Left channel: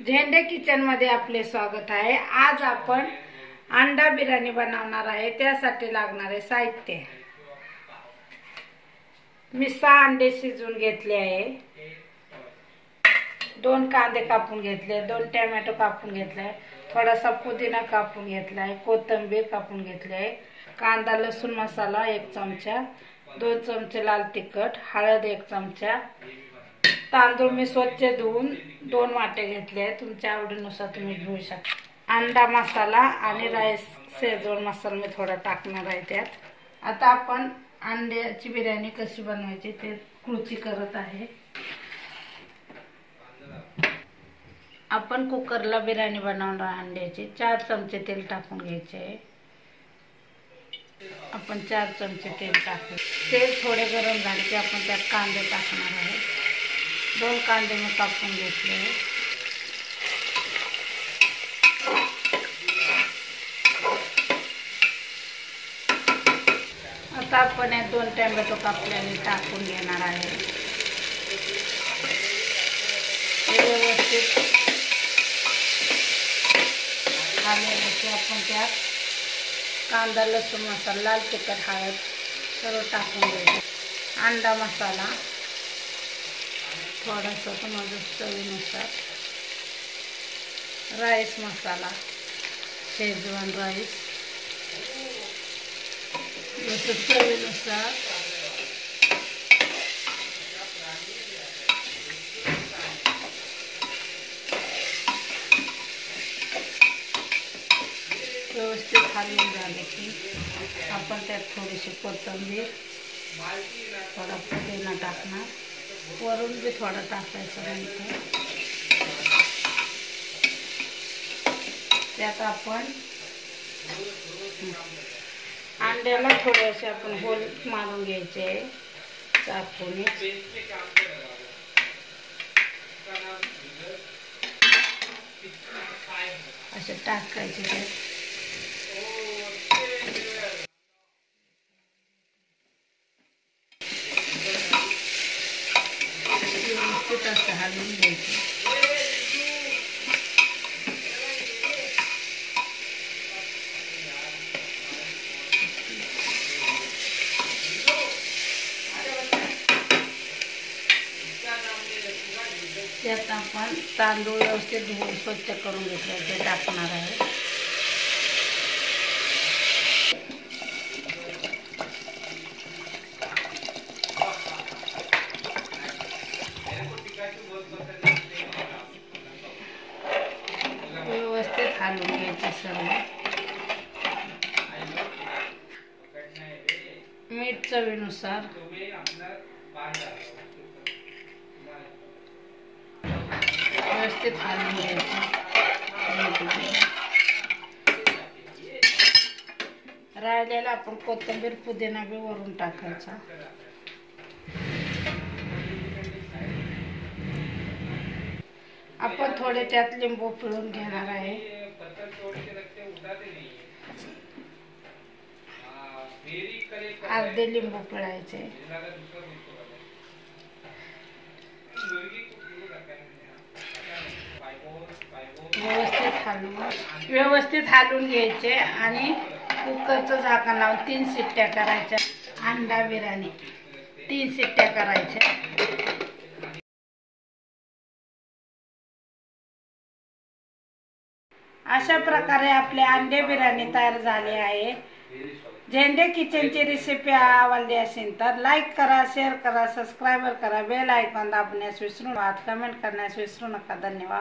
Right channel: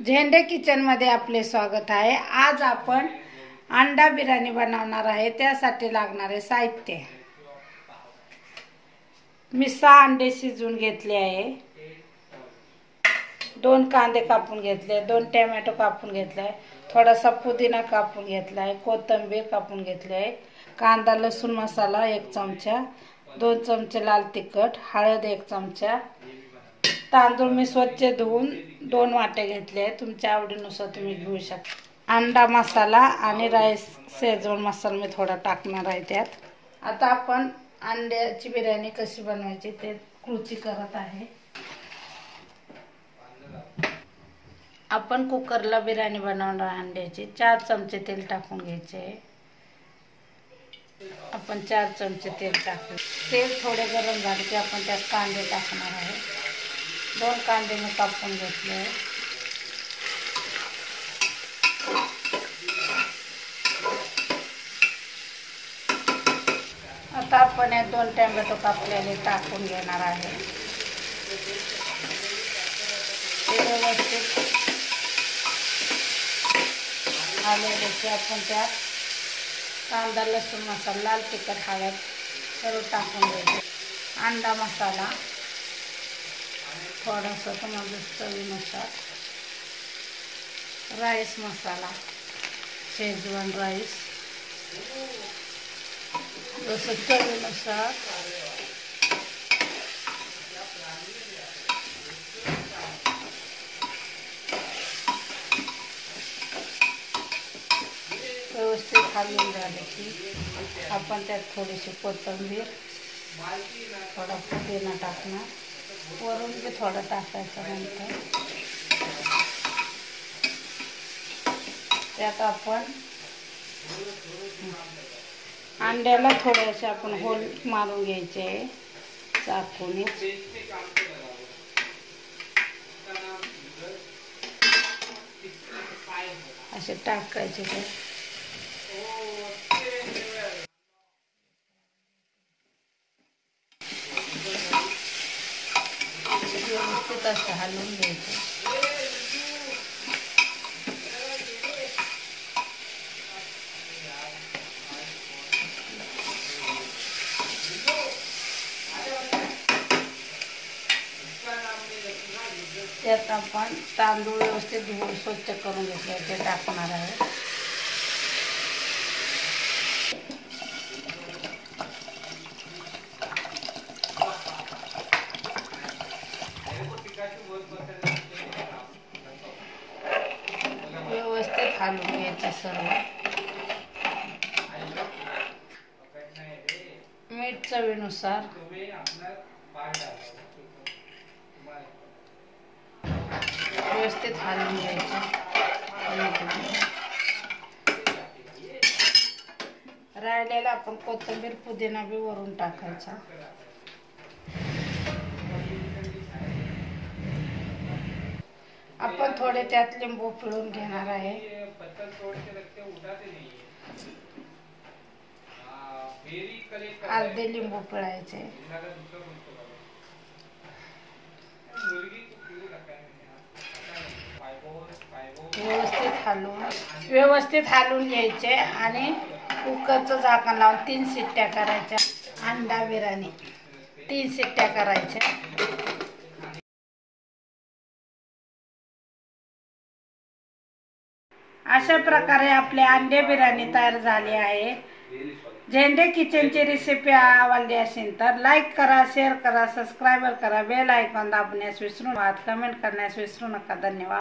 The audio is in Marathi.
झेंडे किचन मध्ये आपले स्वागत आहे। आज आपण अंडा बिर्याणी बनवणार आहे। त्यासाठी लागणारे साहित्य, मी 6 अंडे शिजवून घेतले आहे, 2 कांदे कापून घेतले, 2 टोमॅटो कापून घेतले, थोडासा पुदिना कापून घेतला आहे, कोथिंबीर कापून घेतली आहे, कांदा लसूण मसाला 1 चमचा, 2 चमचे लाल तिखट, हळद 1 चमचा, तांदूळ मी स्वच्छ धुवून 2 वाटे घेतले, तुमच्या आवडीनुसार तुम्ही घेऊ शकता। अंडा मसाला आणि राईस शेजवान मसाला मी थोडा टाकणार आहे त्यात। आता आपण अंड्याची बिर्याणी कशी बनवायची ते कृती करत आहे। आपण कुकरला बिर्याणी बनवणार आहे। अंड्याची 4 चमचे तेल टाकून घ्यायचे आहे। आपण 4 चमचे तेल टाकू। तेल थोडे गरम झाले की आपण त्यात कांदे टाकणार आहे। 2 कांदे मी कापून घेतले। आता आपण 2 टोमॅटो कापलेले टाकून घेणार आहे। व्यवस्थित झाले की आपण त्यात कांदा लसूण मसाला लाल तिखट हळद सर्व टाकून घ्यायचे। अंडा मसाला थोडासा तुम्हाला चवीनुसार, राईस मसाला शेजवान राईस चवीनुसार, व्यवस्थित हलवून झाले की आपण त्यात थोडीशी कोथिंबीर, थोडा पुदिना टाकणार, वरून बी थोडं टाकायचं। नंतर त्यात आपण अंड्याला थोडेसे आपण होल मारून घ्यायचे चाकूने, असे टाकायचे। व्यवस्थित असं हलवून घ्यायचं। त्यात आपण तांदूळ व्यवस्थित धुवून स्वच्छ करून घेतले ते टाकणार आहे। व्यवस्थित हलवून घ्यायचं सर्व। मीठ चवीनुसार, व्यवस्थित हलवून घ्यायचं। राहिलेला आपण कोथिंबीर पुदिना बी वरून टाकायचा। आपण थोडे त्यात लिंबू पिळून घेणार आहे। अर्धे लिंबू पिळायचे। व्यवस्थित हलवून घ्यायचे आणि कुकरचं झाकण लावून 3 शिट्ट्या करायच्या। अंडा बिर्याणी 3 शिट्ट्या करायच्या। अशा प्रकारे आपले अंडे बिर्याणी तयार झाली आहे। झेंडे किचनची रेसिपी आवडली असेल तर लाईक करा, शेअर करा, सबस्क्राईब करा, बेल आयकॉन दाबण्यास विसरू नका, कमेंट करण्यास विसरू नका। धन्यवाद।